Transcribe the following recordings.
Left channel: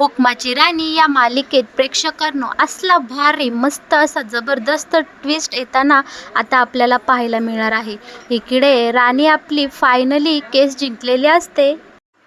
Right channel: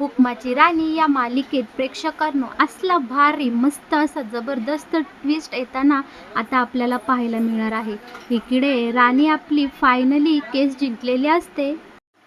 हुकमाची राणी या मालिकेत प्रेक्षकांनो असला भारी मस्त असा जबरदस्त ट्विस्ट येताना आता आपल्याला पाहायला मिळणार आहे. इकडे राणी आपली फायनली केस जिंकलेली असते,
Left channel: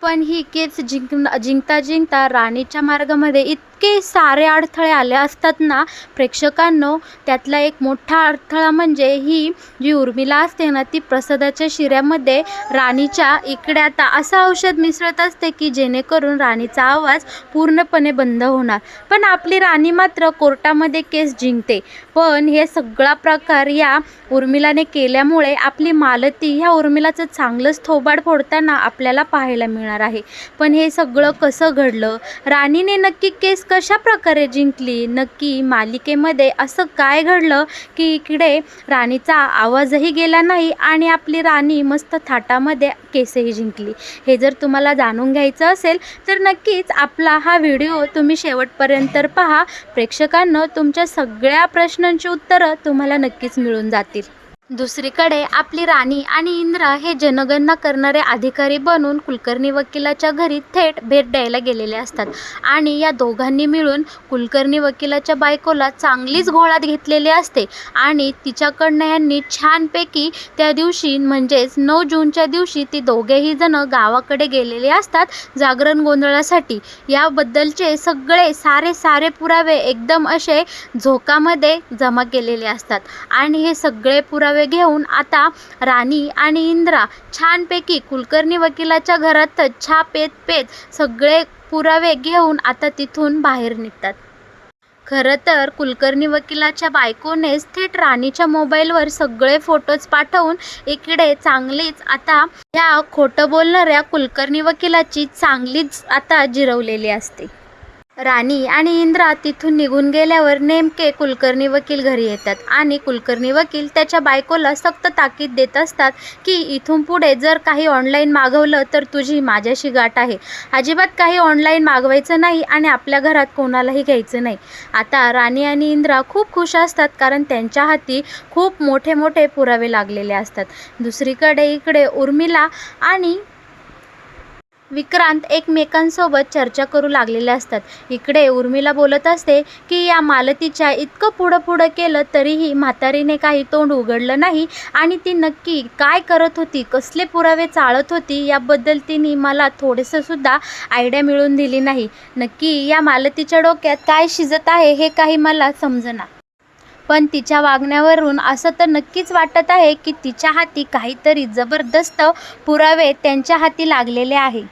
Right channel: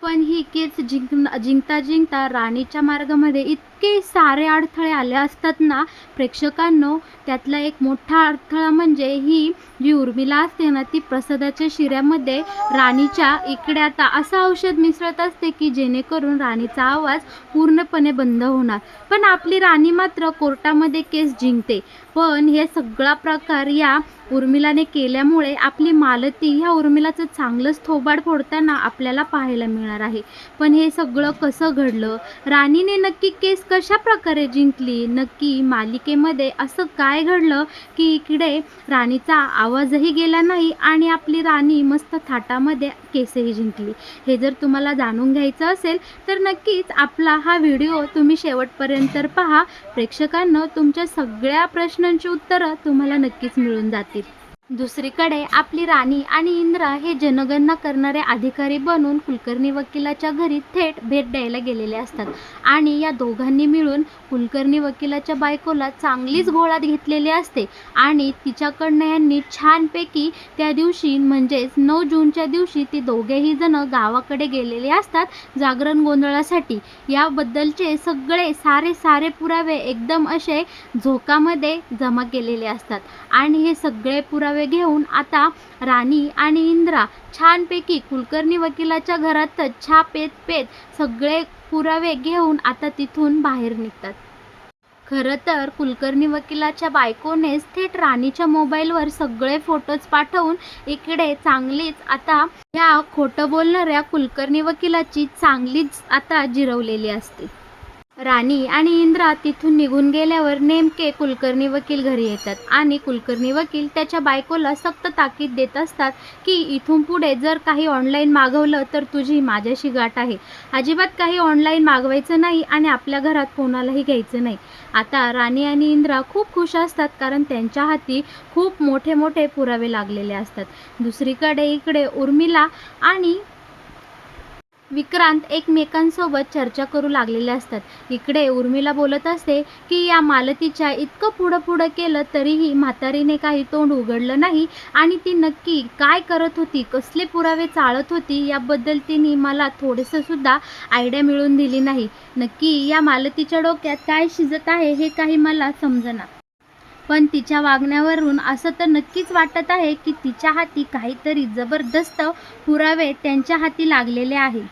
पण ही केस जिंकता जिंकता राणीच्या मार्गामध्ये इतके सारे अडथळे आले असतात ना प्रेक्षकांनो. त्यातला एक मोठा अडथळा म्हणजे ही जी उर्मिला असते ना, ती प्रसादाच्या शिऱ्यामध्ये राणीच्या इकडे आता असं औषध मिसळत असते की जेणेकरून राणीचा आवाज पूर्णपणे बंद होणार. पण आपली राणी मात्र कोर्टामध्ये केस जिंकते. पण हे सगळा प्रकार या उर्मिलाने केल्यामुळे आपली मालती ह्या उर्मिलाचं चांगलंच थोबाड फोडताना आपल्याला पाहायला मिळणार आहे. पण हे सगळं कसं घडलं, राणीने नक्की केस कशा प्रकारे जिंकली, नक्की मालिकेमध्ये असं काय घडलं की इकडे राणीचा आवाजही गेला नाही आणि आपली राणी मस्त थाटामध्ये केसही जिंकली, हे जर तुम्हाला जाणून घ्यायचं असेल तर नक्कीच आपला हा व्हिडिओ तुम्ही शेवटपर्यंत पहा. प्रेक्षकांनो, तुमच्या सगळ्या प्रश्नांची उत्तरं तुम्हाला नक्कीच मिळून जातील. दुसरीकडे आपली राणी आणि इंद्रा हे जनगणना करणारे अधिकारी बनून कुलकर्णी वकिलाच्या घरी थेट भेट द्यायला गेलेले असतात आणि या दोघांनी मिळून कुलकर्णी वकिलाच्या बायकोला चांगलीच घोळात घेतलेली असते आणि तिच्याकडनं यांनी छानपैकी त्या दिवशी म्हणजेच 9 जूनच्या दिवशी ती दोघेही जण गावाकडे गेलेले असतात जागरण गोंधळासाठी. याबद्दलचे सगळे सारे पुरावे एकदम असे झोकामध्ये जमा केलेले असतात आणि हे सगळे पुरावे घेऊन आता राणी आणि इंद्रा छानपैकी कुलकर्णी वकिलाच्या घरातच चहा पेत सगळे पुरावे घेऊन आता तिथून बाहेर निघतात. खरं तर कुलकर्णी वकिलाच्या बायकोनेच थेट राणीच्या मोबाईलवर सगळे फोटोज पाठवून इकडे चांगलीच आता ह्या खोटं बोलणाऱ्या कुलकर्णी वकिलाची चांगलीच आता जिरवलेली असते. राणी आणि इंद्रा तिथून निघून गेल्यावर नेमके कुलकर्णी वकील घरी येतात आणि कुलकर्णी वकील त्याच्या बायकोला सक्त ताकीद देत असतात की इथून पुढे जर काही ऑनलाईन मागवलं तर तुझी माझ्याशी गाठ आहे, अजिबात काही ऑनलाईन मागवायचं नाही आणि आपल्या घरात कोणालाही घ्यायचं नाही. आता राणी आणि इंद्रा खूप खुश असतात कारण त्यांच्या हाती खूप मोठे पुरावे लागलेले असतात. दुसरीकडे इकडे उर्मिला आणि विक्रांत एकमेकांसोबत चर्चा करू लागलेले असतात. इकडे उर्मिला बोलत असते की या मालतीच्या इतकं पुढं केलं तरीही म्हातारीने काही तोंड उघडलं नाही आणि ती नक्की काय करत होती, कसले पुरावे चाळत होती याबद्दल तिने मला थोडंसं सुद्धा आयडिया मिळून दिली नाही. नक्की या मालतीच्या डोक्यात काय शिजत आहे हे काही मला समजेना. पण तिच्या वागण्यावरून असं तर नक्कीच वाटत आहे की तिच्या हाती काहीतरी जबरदस्त पुरावे त्यांच्या हाती लागलेले आहे.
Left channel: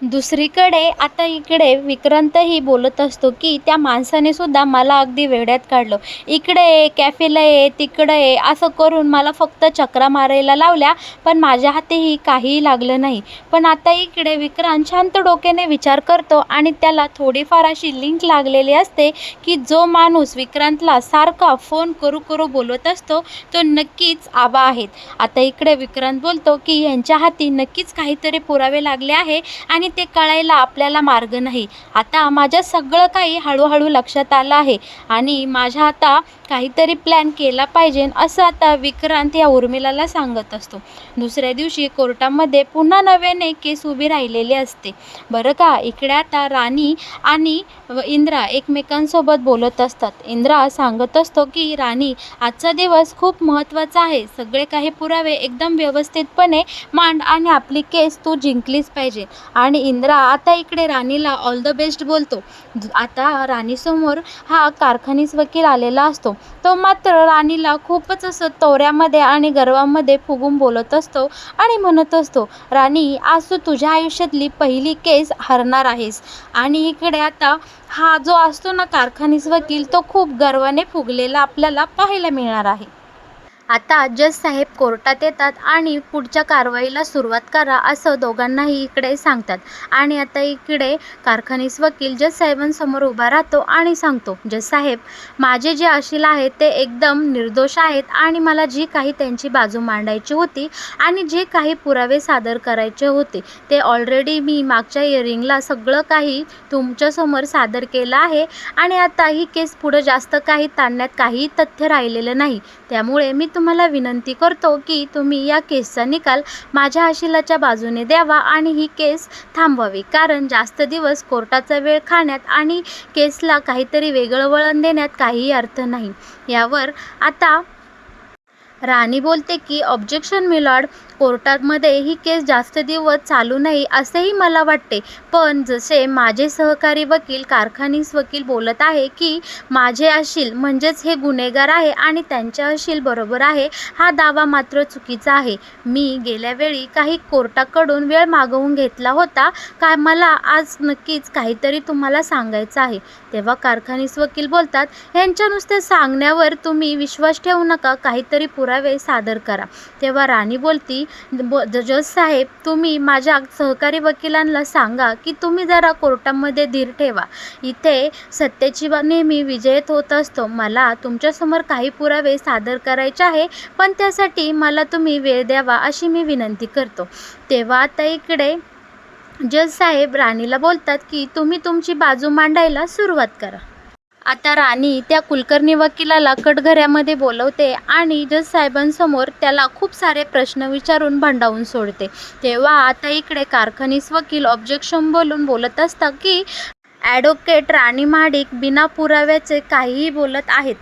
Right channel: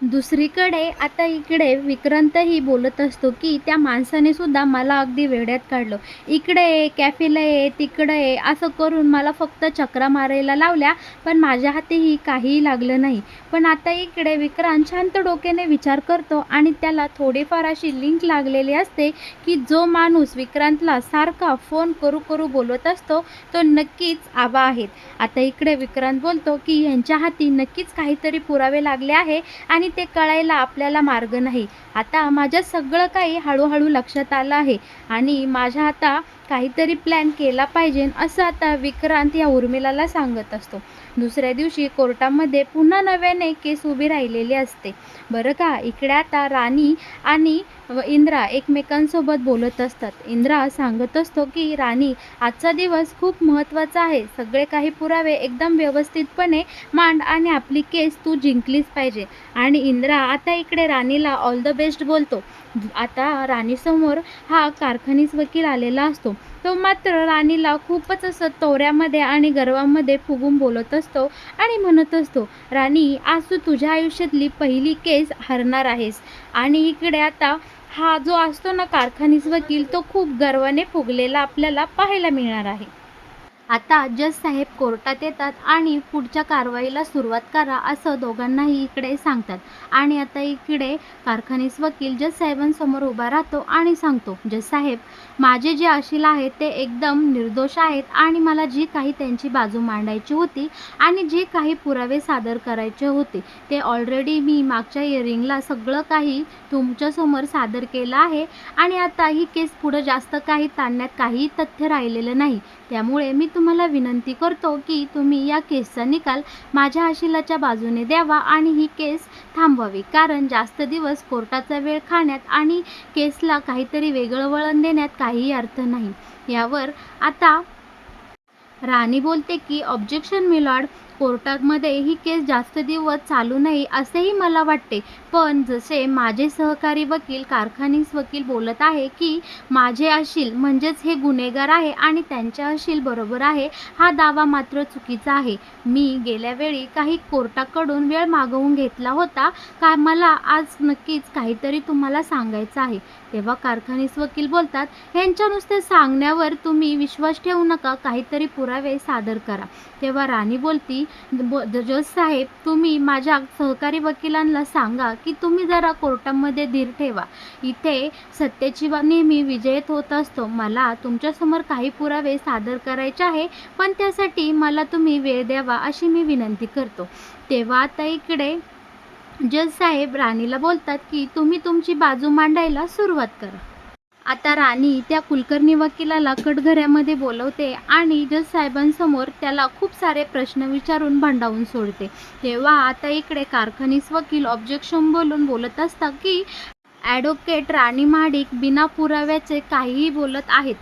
दुसरीकडे आता इकडे विक्रांतही बोलत असतो की त्या माणसाने सुद्धा मला अगदी वेड्यात काढलं, इकडे ये, कॅफेला ये, तिकडे ये, असं करून मला फक्त चक्रा मारायला लावल्या पण माझ्या हातीही काहीही लागलं नाही. पण आता इकडे विक्रांत शांत डोक्याने विचार करतो आणि त्याला थोडीफार अशी लिंक लागलेली असते की जो माणूस विक्रांतला सारखा फोन करू बोलवत असतो तो नक्कीच आबा आहेत. आता इकडे विक्रांत बोलतो की यांच्या हाती नक्कीच काहीतरी पुरावे लागले आहे आणि ते कळायला आपल्याला मार्ग नाही. आता माझ्या सगळं काही हळूहळू लक्षात आलं आहे आणि माझ्या आता काहीतरी प्लॅन केला पाहिजे असं आता विक्रांत या उर्मिलाला सांगत असतो. दुसऱ्या दिवशी कोर्टामध्ये पुन्हा नव्याने केस उभी राहिलेली असते. बरं का, इकडे आता राणी आणि इंद्रा एकमेकांसोबत बोलत असतात. इंद्रा सांगत असतो की राणी, आजचा दिवस खूप महत्त्वाचा आहे, सगळे काही पुरावे एकदम व्यवस्थितपणे मांड आणि आपली केस तू जिंकलीच पाहिजे. आणि इंद्रा आता इकडे राणीला ऑल द बेस्ट बोलतो. आता राणीसमोर हा कारखानीस वकील आलेला असतो. तो मात्र राणीला खूपच असं तोऱ्यामध्ये आणि गर्वामध्ये फुगून बोलत असतो आणि म्हणत असतो, राणी, आज तू तुझ्या आयुष्यातली पहिली केस हरणार आहेस. आणि इकडे आता हा जो असतो ना कारखानीस वकील, तो खूप गर्वाने फुगलेला आपल्याला पाहायला मिळणार आहे. आता जज साहेब कोर्टात येतात आणि पुढच्या कारवाईला सुरुवात करा असं दोघांनाही इकडे सांगतात. आणि आता इकडे कारखानीस वकील जज साहेबांसमोर उभा राहतो आणि सांगतो, जज साहेब, माझे जे अशील आहेत ते एकदम निर्दोष आहेत आणि मला जी काही त्यांची बाजू मांडायची होती आणि जे काही पुरावे सादर करायचे होते ते ऑलरेडी मी मागच्या हिअरिंगला सगळं काही तुमच्यासमोर सादर केलं आहे आणि आता ही केस पुढं जास्त काही ताणण्यात काहीही तथ्य राहिलेलं नाही. त्यामुळे मी तुम्हाला विनंती करतो की तुम्ही या केसचा निकाल माझ्या अशिलाच्या बाजूने द्यावा आणि ही केस थांबवावी, कारण जास्त दिवस कोर्टाचा वेळ खाण्यात आणि केसला काहीतरी वेगळं वळण देण्यात काहीही अर्थ नाही. यावर आता राणी बोलते की ऑब्जेक्शन मिलॉर्ड, कोर्टामध्ये ही केस जास्त दिवस चालू नये असेही मला वाटते, पण जसे माझे सहकारी वकील कारखानीस वकील बोलत आहे की माझे अशील म्हणजेच हे गुन्हेगार आहे आणि त्यांचे अशील बरोबर आहे, हा दावा मात्र चुकीचा आहे. मी गेल्या वेळी काही कोर्टाकडून वेळ मागवून घेतला होता का, मला आज नक्कीच काहीतरी तुम्हाला सांगायचं आहे. तेव्हा कारखानीस वकील बोलतात, ह्यांच्या नुसत्या सांगण्यावर तुम्ही विश्वास ठेवू नका, काहीतरी पुरावे सादर करा. तेव्हा राणी बोलती, जज साहेब, तुम्ही माझ्या सहकारी वकिलांना सांगा की तुम्ही जरा कोर्टामध्ये धीर ठेवा. इथे सत्याची नेहमी विजयत होत असतो. मला तुमच्यासमोर काही पुरावे सादर करायचे आहे, पण त्यासाठी मला तुम्ही वेळ द्यावा अशी मी विनंती करतो. तेव्हा आता इकडे जज साहेब राणीला बोलतात की तुम्ही तुमची बाजू मांडायला सुरुवात करा. आता राणी त्या कुलकर्णी वकिलाला कटघऱ्यामध्ये बोलवते आणि जज साहेबांसमोर त्याला खूप सारे प्रश्न विचारून भंडावून सोडते. तेव्हा आता इकडे कारखानीस वकील ऑब्जेक्शन बोलून बोलत असतात की ॲडव्होकेट राणी महाडिक बिना पुराव्याचे काहीही बोलत आहेत.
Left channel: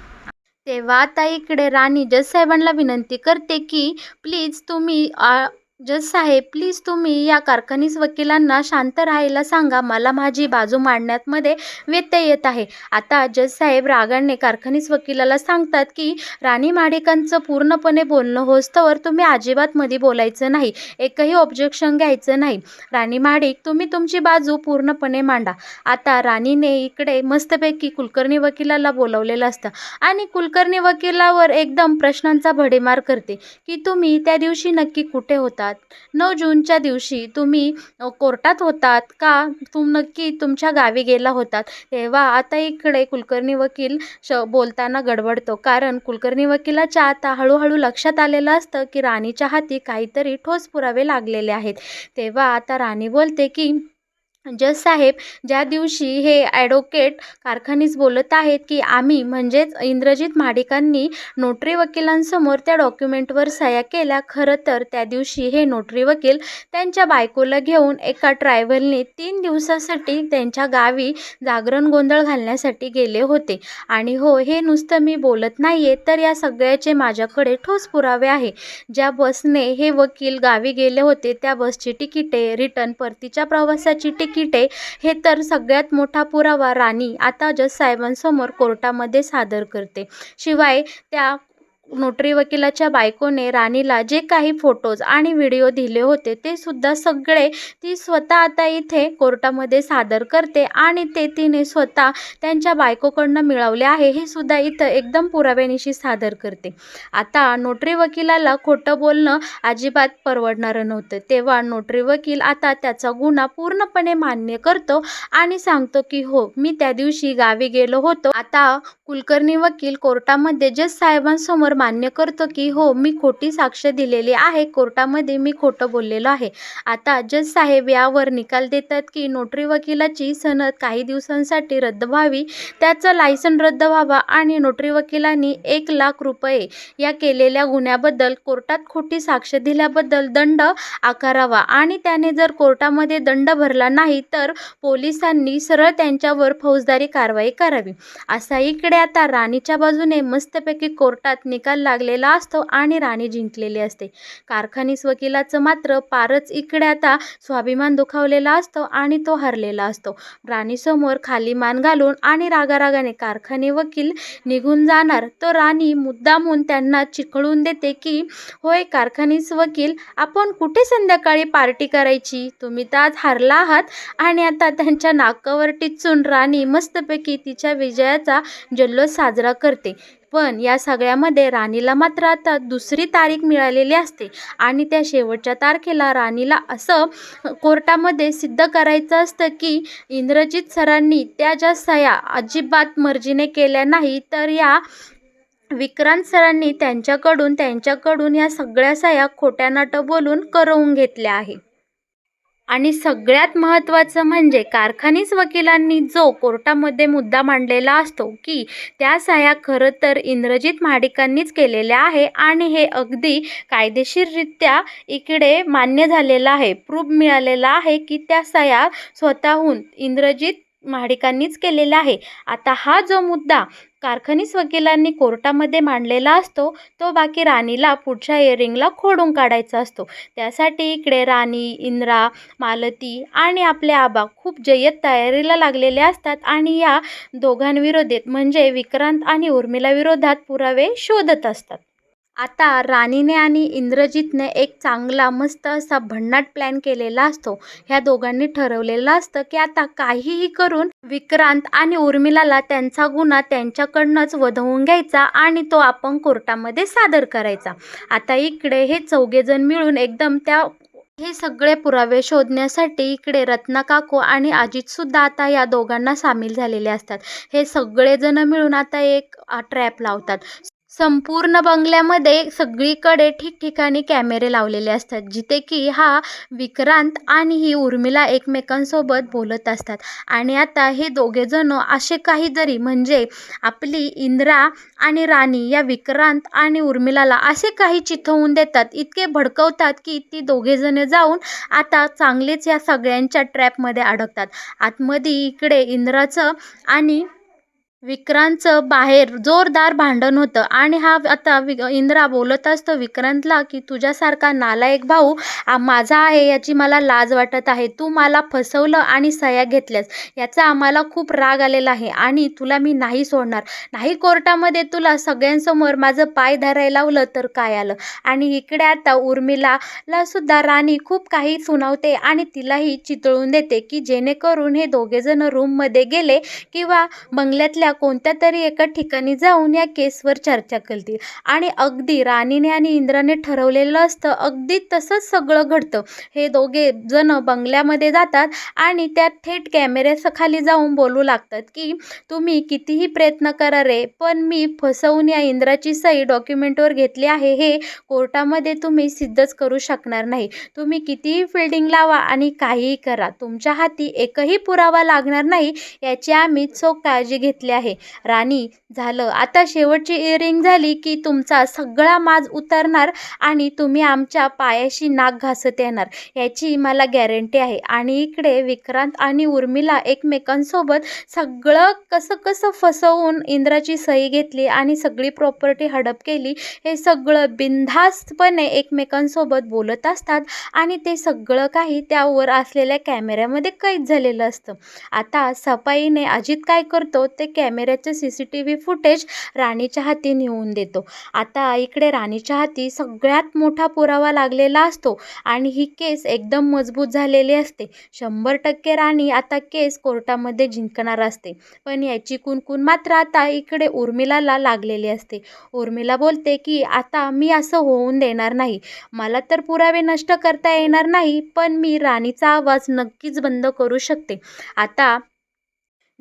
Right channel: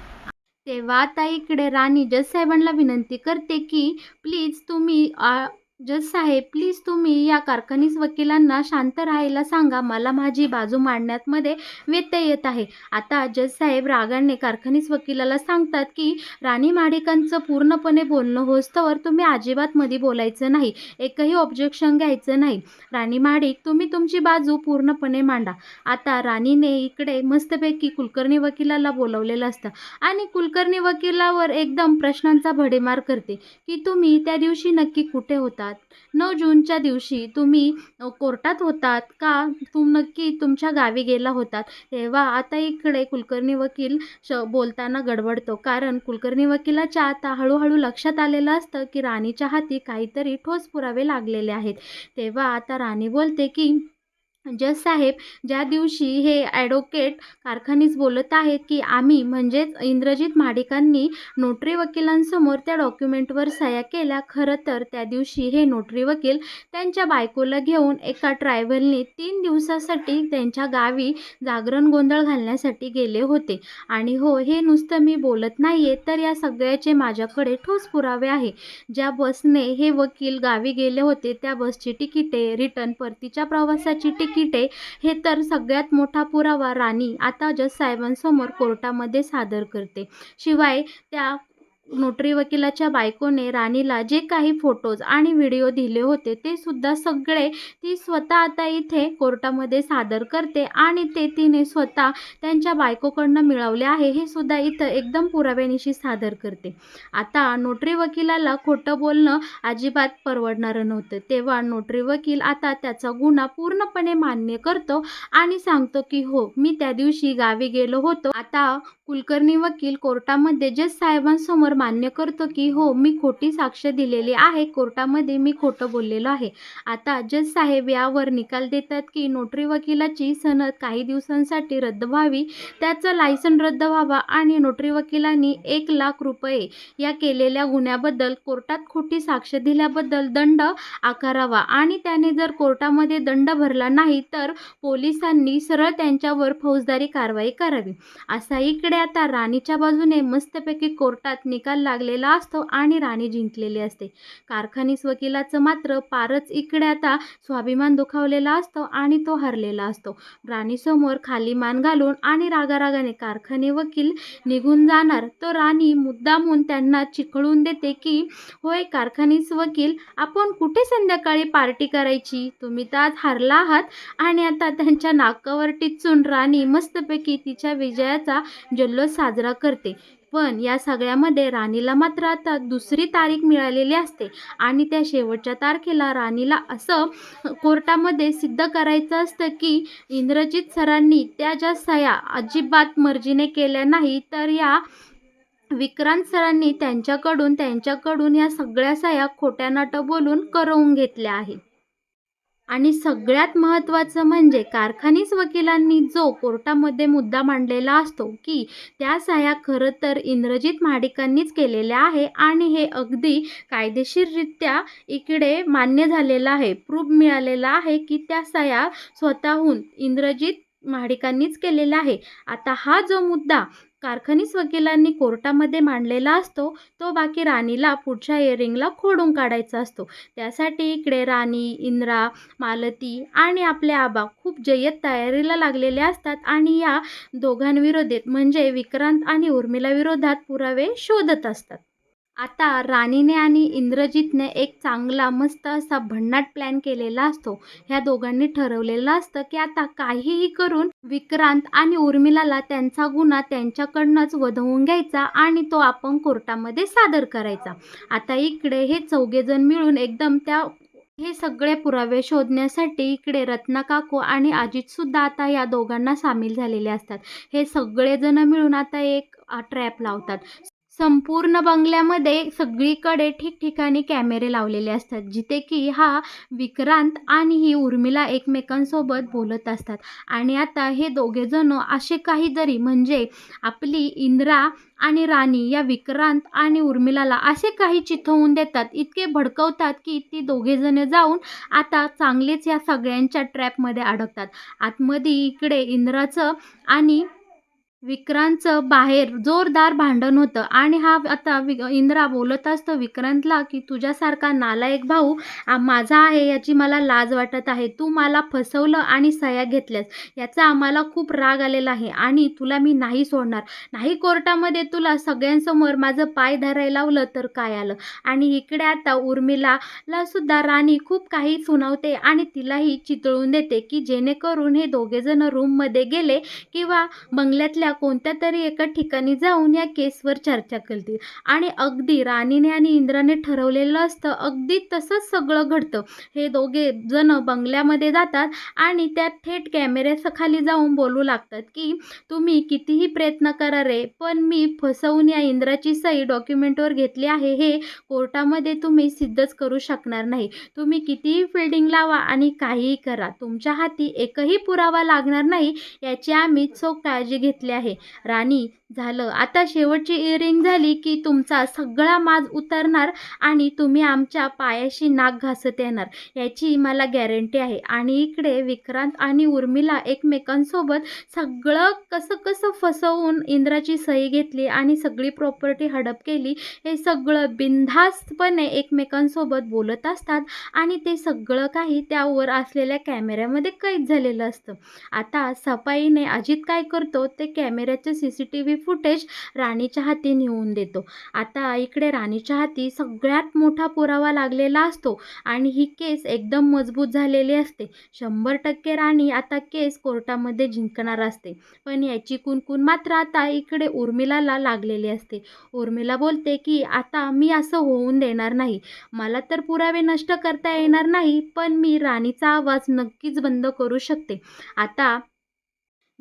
तेव्हा आता इकडे राणी जज साहेबांना विनंती करते की प्लीज तुम्ही जज साहेब, प्लीज तुम्ही या कारखानीस वकिलांना शांत राहायला सांगा, मला माझी बाजू मांडण्यामध्ये व्यत्यय येत आहे. आता जज साहेब रागाने कारखानीस वकिलाला सांगतात की राणी महाडिकांचं पूर्णपणे बोलणं होस्तवर तुम्ही अजिबात मध्ये बोलायचं नाही, एकही ऑब्जेक्शन घ्यायचं नाही. राणी महाडिक, तुम्ही तुमची बाजू पूर्णपणे मांडा. आता राणीने इकडे मस्तपैकी कुलकर्णी वकिलाला बोलवलेलं असतं आणि कुलकर्णी वकिलावर एकदम प्रश्नांचा भडीमार करते की तुम्ही त्या दिवशी नक्की कुठे होता, 9 जूनच्या दिवशी तुम्ही कोर्टात होतात का, नक्की तुमच्या गावी गेला होतात. तेव्हा आता इकडे कुलकर्णी वकील बोलताना गडबडतो, कारण कुलकर्णी वकिलाच्या आता हळूहळू लक्षात आलेलं असतं की राणीच्या हाती काहीतरी ठोस पुरावे लागलेले आहेत. तेव्हा आता राणी बोलते की जज साहेब, ज्या दिवशी हे ॲडव्होकेट कारखानीस बोलत आहेत की आम्ही म्हणजेच इंद्रजित महाडिकांनी नोटरी वकिलांसमोर त्या डॉक्युमेंटवर सह्या केल्या, खरं तर त्या दिवशी हे नोटरी वकील त्यांच्या बायकोला घेऊन एका ट्रॅव्हलने 3 दिवसासाठी त्यांच्या गावी जागरण गोंधळ घालण्यासाठी गेले होते. आणि हो, हे नुसतं मी बोलत नाही आहे, तर या सगळ्याचे माझ्याकडे ठोस पुरावे आहे. ज्या बसने हे वकील गावी गेले होते त्या बसची तिकिटे, रिटर्न परतीच्या प्रवासाची तिकिटे, हे तर सगळ्यात मोठा पुरावा राणी आता जज साहेबांसमोर कोर्टामध्ये सादर करते. शिवाय त्या नोटरी वकिलाच्या बायकोने राणीला जे काही फोटोज आणि व्हिडिओ दिले होते ते सुद्धा सगळे ती स्वतः आता इथे कोर्टामध्ये सादर करते आणि ते तिने स्वतः त्यांच्या बायकोकडनं मिळवले आहे हे सुद्धा इथं एकदम पुराव्यानिशी सादर करते. आता नोटरी वकिलाला खोटं बोलणं अजिबात परवडणारं नव्हतं. तेव्हा नोटरी वकील आता त्याचा गुन्हा पूर्णपणे मान्य करतो आणि सांगतो की हो, मी त्या दिवशी गावी गेलो होतो. आता कुलकर्णी वकील कोर्टामध्ये जज साहेबांसमोर मान्य करतो की हो, मी खोटी साक्ष दिलेली आहे, कोर्टामध्ये मी खोटं बोललेलो आहे. आता जज साहेब यावर निकाल देतात की नोटरी वकिलाची सनद काही दिवसांसाठी रद्द व्हावी, त्याचं लायसन रद्द व्हावा आणि नोटरी वकिलांनी 1,00,000 रुपये या केलेल्या गुन्ह्याबद्दल, कोर्टात खोटी साक्ष दिल्याबद्दल दंड आकारावा आणि त्याने जर कोर्टामध्ये दंड भरला नाही तर पोलिसांनी सरळ त्यांच्यावर फौजदारी कारवाई करावी. असा इकडे आता राणीच्या बाजूने मस्तपैकी कोर्टात निकाल लागलेला असतो आणि राणी जिंकलेली असते. कारखानीस वकिलाचं मात्र पारच इकडे आता स्वाभिमान दुखावलेला असतो आणि तो हरलेला असतो. राणीसमोर खाली मान घालून आणि रागारागाने कारखानी वकील निघून जाणार तर राणी मुद्दामून त्यांना चिखळून देते की होय कारखानीस वकील, आपण कुठे संध्याकाळी पार्टी करायची, तुम्ही तर आज हारला आहात. आणि आता त्यांच्या नाकावर टिचून राणी मस्तपैकी तिच्या विजयाचा जल्लोष साजरा करते. पण या सगळ्यामध्ये राणीला मात्र आता दुसरी तारीख मिळालेली असते आणि त्या शेवटच्या तारखेला राणीला असं कोर्टामध्ये सिद्ध करायचं असतं की इंद्रजित सरांनी त्या ज्या सह्या अजिबात मर्जीने केल्या नाही, तर या विक्रांत सरांनी त्यांच्याकडून या सगळ्या सह्या खोट्या नाटं बोलून करवून घेतल्या आहे. आणि सगळ्यात महत्त्वाचं म्हणजे कारखानीस वकिलांनी जो कोर्टामध्ये मुद्दा मांडलेला असतो की त्या सह्या खरं तर इंद्रजित महाडिकांनीच केलेल्या आहे आणि हे अगदी कायदेशीररित्या इकडे मान्य झालेलं आहे. प्रूफ मिळालेला आहे की त्या सह्या स्वतःहून इंद्रजित महाडिकांनीच केलेला आहे. आता हा जो मुद्दा कारखानीस वकिलांनी कोर्टामध्ये मांडलेला असतो तो बाकी राणीला पुढच्या हिअरिंगला खोडून काढायचा असतो. त्यासाठी इकडे राणी, इंद्रा, मालती आणि आपले आबा खूप जय्यत तयारीला लागलेले असतात आणि या दोघांविरोधात म्हणजे विक्रांत आणि उर्मिला विरोधात पुरावे शोधत असतात. आता राणीने आणि इंद्रजितने एक चांगला मस्त असा भन्नाट प्लॅन केलेला असतो. ह्या दोघांनी ठरवलेलं असतं की आता काहीही करून विक्रांत आणि उर्मिलाला त्यांचा गुन्हा त्यांच्याकडनंच वधवून घ्यायचा आणि तो आपण कोर्टामध्ये सादर करायचा. आता इकडे हे चौघेजण मिळून एकदम हे सगळे पुरावे शोधण्यासाठी इकडे रत्ना काकू आणि अजितसुद्धा आता या दोघांना सामील झालेले असतात. हे सगळेजण मिळून आता एक ट्रॅप लावतात. संपूर्ण बंगल्यामध्ये सगळीकडे ठिकठिकाणी कॅमेरे लावलेले असतात जिथे की हा विक्रांत आणि ही उर्मिला एकमेकांसोबत बोलत असतात. आणि आता हे दोघेजण असे काहीतरी म्हणजे आपली इंद्रा आणि राणी या विक्रांत आणि उर्मिलाला असे काही चिथवून देतात, इतके भडकवतात की ती दोघेजण जाऊन आता चांगलेच या सगळ्यांच्या ट्रॅपमध्ये अडकतात. आतमध्ये इकडे इंद्राचं आणि विक्रांतचं बाहेर जोरदार भांडण होतं आणि हा आता इंद्रा बोलत असतो विक्रांतला की तुझ्यासारखा नालायक भाऊ माझा आहे याची मला लाज वाटत आहे. तू मला फसवलं आणि सह्या घेतल्यास याचा आम्हाला खूप राग आलेला आहे आणि तुला मी नाही सोडणार. नाही कोर्टामध्ये तुला सगळ्यांसमोर माझं पाय धरायला लावलं तर काय आलं. आणि इकडे आता उर्मिलाला सुद्धा राणी खूप काही सुनावते आणि तिलाही चितळून देते की जेणेकरून हे दोघेजण रूममध्ये गेले किंवा बंगल्यातल्या कोणत्या तरी एका ठिकाणी जाऊन या केसवर चर्चा करतील. आणि अगदी राणीने आणि इंद्राने ठरवलेलं असतं अगदी तसंच सगळं घडतं. हे दोघे जण बंगल्यामध्ये जातात आणि त्या थेट कॅमेऱ्याखाली जाऊन बोलू लागतात की तुम्ही कितीही प्रयत्न करा रे, पण मी फसवून या इंद्राची सही डॉक्युमेंटवर घेतली आहे हे कोर्टामध्ये तुम्ही सिद्धच करू शकणार नाही. तुम्ही कितीही फिल्डिंग लावा आणि काहीही करा, तुमच्या हाती एकही पुरावा लागणार नाही याची आम्ही चोख काळजी घेतली आहे. राणी, झालं आता शेवटची इयरिंग झाली की तुमचा सगळा माज उतरणार आणि तुम्ही आमच्या पायाशी नाक घासत येणार याची मला गॅरंटी आहे. आणि इकडे विक्रांत आणि उर्मिला एकमेकांसोबत सगळं कसं कसं फसवून इंद्राची सही घेतली आणि सगळी प्रॉपर्टी हडप केली हे सगळं बिनधास्तपणे एकमेकांसोबत बोलत असतात आणि ते सगळं काही त्यावर असलेल्या कॅमेऱ्यामध्ये कैद झालेलं असतं. आता सफाईने अजित काय करतो ते कॅमेऱ्याचं CCTV फुटेज राणीच्या हाती नेऊन देतो. आता इकडे राणीच्या हाती सगळ्यात मोठा पुरावा लागलेला असतो आणि ही केस एकदम मजबूत झालेली असते. 100% राणी आता केस कोर्टामध्ये जिंकणार असते. पण याची कुणकुण मात्र आता इकडे उर्मिलाला लागलेली असते. उर्मिला बोलते की आता मी असं होऊन देणार नाही. मला तर पुरावे नष्ट करता येणार नाही पण मी राणीचा आवाज नक्कीच बंद करू शकते. आता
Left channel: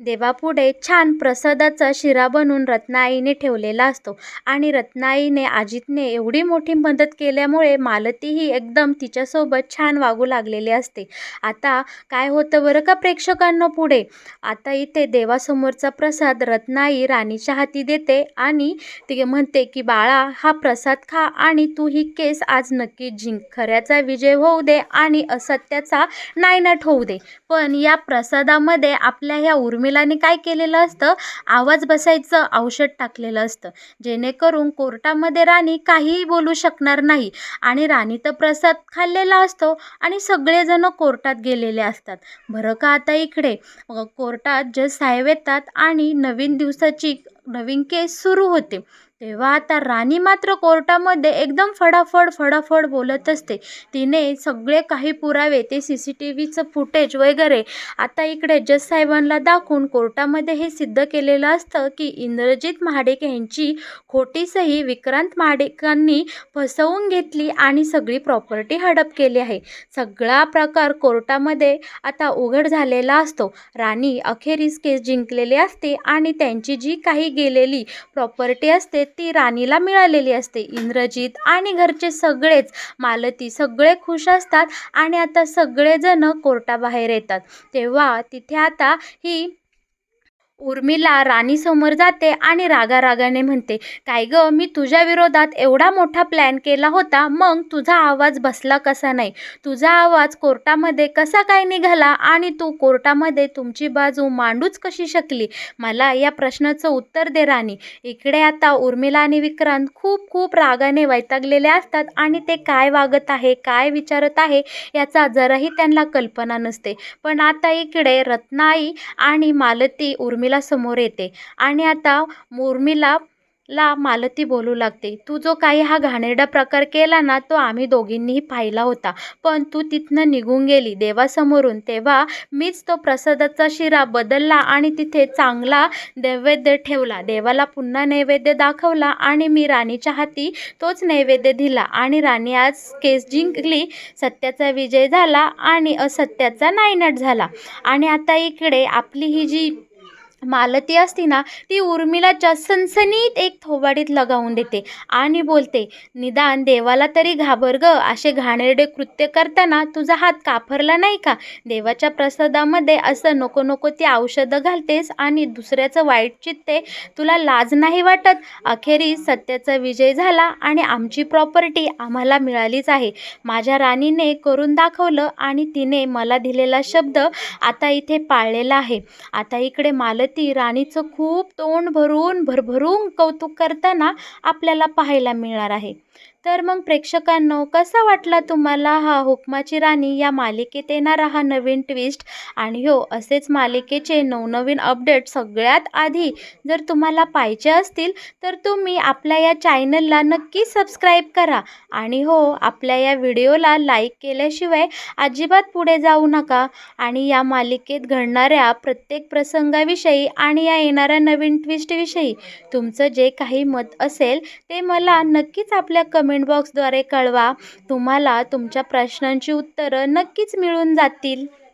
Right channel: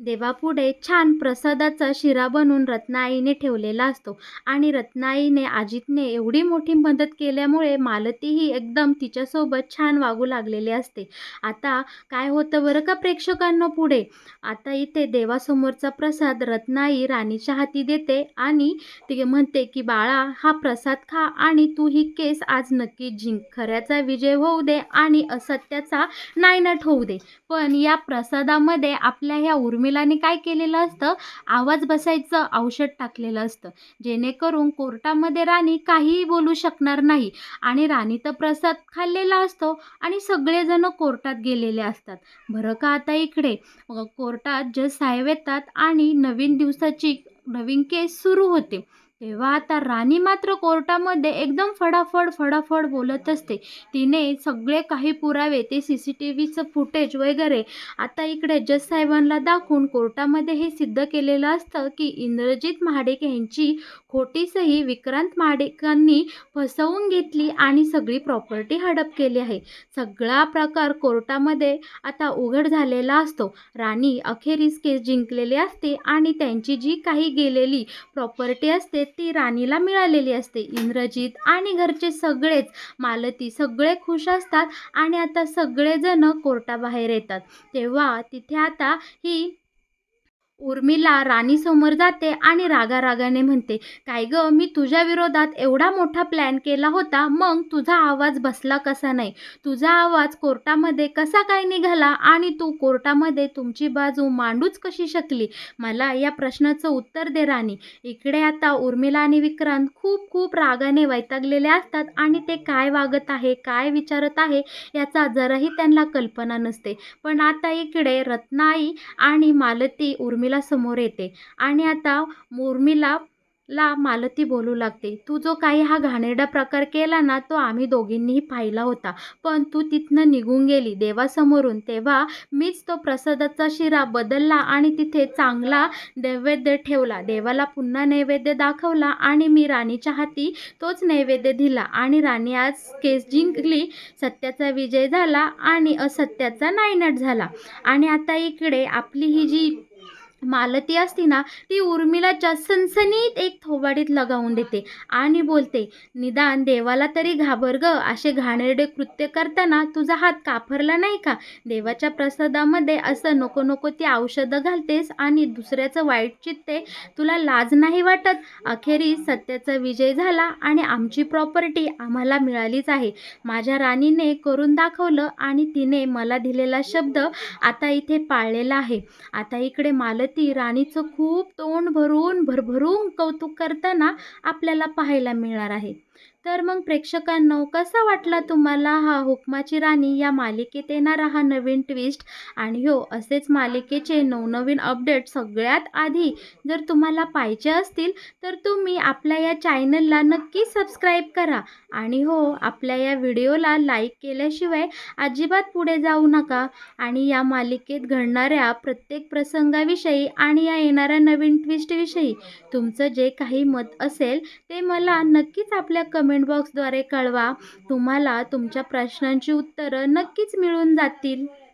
देवापुढे छान प्रसादाचा शिरा बनवून रत्नाआईने ठेवलेला असतो आणि रत्नाआईने अजितने एवढी मोठी मदत केल्यामुळे मालतीही एकदम तिच्यासोबत छान वागू लागलेली असते. आता काय होतं बरं का प्रेक्षकांना पुढे, आता इथे देवासमोरचा प्रसाद रत्नाई राणीच्या हाती देते आणि ती म्हणते की बाळा हा प्रसाद खा आणि तू ही केस आज नक्कीच जिंक. खऱ्याचा विजय होऊ दे आणि असत्याचा नायनाट होऊ दे. पण या प्रसादामध्ये आपल्या ह्या उर्मिलाने काय केलेलं असतं, आवाज बसायचं औषध टाकलेलं असतं जेणेकरून कोर्टामध्ये राणी काहीही बोलू शकणार नाही. आणि राणी तर प्रसाद खाल्लेला असतो आणि सगळेजण कोर्टात गेलेले असतात. बरं का आता इकडे कोर्टात जज साहेब येतात आणि नवीन केस सुरू होते. तेव्हा आता राणी मात्र कोर्टामध्ये एकदम फडाफड बोलत असते. तिने सगळे काही पुरावे ते CCTVचं फुटेज वगैरे आता इकडे जज साहेबांना दाखवून कोर्टामध्ये हे सिद्ध केलेलं असतं की इंद्रजित महाडिक यांची खोटी सही विक्रांत महाडिकांनी फसवून घेतली आणि सगळी प्रॉपर्टी हडप केली आहे. सगळा प्रकार कोर्टामध्ये आता उघड झालेला असतो. राणी अखेरीस केस जिंकलेली असते आणि त्यांची जी काही गेलेली प्रॉपर्टी असते ती राणीला मिळालेली असते. इंद्रजित आणि घरचे सगळेच, मालती सगळे खुश असतात आणि आता सगळेजण कोर्टाबाहेर येतात. तेव्हा तिथे आता ही उर्मिला राणीसमोर जाते आणि रागारागाने म्हणते, "काय गं, मी तुझ्या विरोधात एवढा मोठा प्लॅन केला होता, मग तुझा आवाज बसला कसा नाही? तुझा आवाज कोर्टामध्ये कसा काय निघाला आणि तू कोर्टामध्ये तुमची बाजू मांडूच कशी शकली? मला या प्रश्नाचं उत्तर दे राणी." इकडे आता उर्मिला आणि विक्रांत खूप खूप रागाने वैतागलेले असतात आणि ते काय वागत आहे, काय विचारत आहे याचा जराही त्यांना कल्पना नसते. पण आता इकडे रत्नाई आणि मालती उर्मिला समोर येते आणि आता उर्मिलाला मालती बोलू लागते, "तू जो काही हा घाणेरडा प्रकार केला ना, तो आम्ही दोघींनीही पाहिला होता. पण तू तिथनं निघून गेली देवासमोरून. तेव्हा मीच तो प्रसादाचा शिरा बदलला आणि तिथे चांगला नैवेद्य ठेवला. देवाला पुन्हा नैवेद्य दाखवला आणि मी राणीच्या हाती तोच नैवेद्य दिला आणि राणी आज केस जिंकली. सत्याचा विजय झाला आणि असत्याचा नायनाट झाला." आणि आता इकडे आपली ही जी मालती असती ना, ती उर्मिलाच्या सणसणीत एक थोबाडीत लगावून देते आणि बोलते, "निदान देवाला तरी घाबर गं. असे घाणेरडे कृत्य करताना तुझा हात कापरला नाही का? देवाच्या प्रसादामध्ये असं नको नको ती औषधं घालतेस आणि दुसऱ्याचं वाईट चित्ते. तुला लाज नाही वाटत? अखेरीस सत्याचा विजय झाला आणि आमची प्रॉपर्टी आम्हाला मिळालीच आहे. माझ्या राणीने करून दाखवलं आणि तिने मला दिलेला शब्द आता इथे पाळलेला आहे." आता इकडे मालती राणीचं खूप तोंड भरून भरभरून कौतुक करताना आपल्याला पाहायला मिळणार आहे. तर मग प्रेक्षकांनो, कसा वाटला तुम्हाला हा हुकमाची राणी या मालिकेत येणारा हा नवीन ट्विस्ट? आणि हो, असेच मालिकेचे नवनवीन अपडेट सगळ्यात आधी जर तुम्हाला पाहिजे असतील तर तुम्ही आपल्या या चॅनलला नक्की सबस्क्राईब करा. आणि हो, आपल्या या व्हिडिओला लाईक केल्याशिवाय अजिबात पुढे जाऊ नका. आणि या मालिकेत घडणाऱ्या प्रत्येक प्रसंगाविषयी आणि या येणाऱ्या नवीन ट्विस्टविषयी तुमचं जे काही मत असेल ते मला नक्कीच आपल्या कमेंट बॉक्सद्वारे कळवा. तुम्हाला तुमच्या प्रश्नांची उत्तरं नक्कीच मिळून जातील.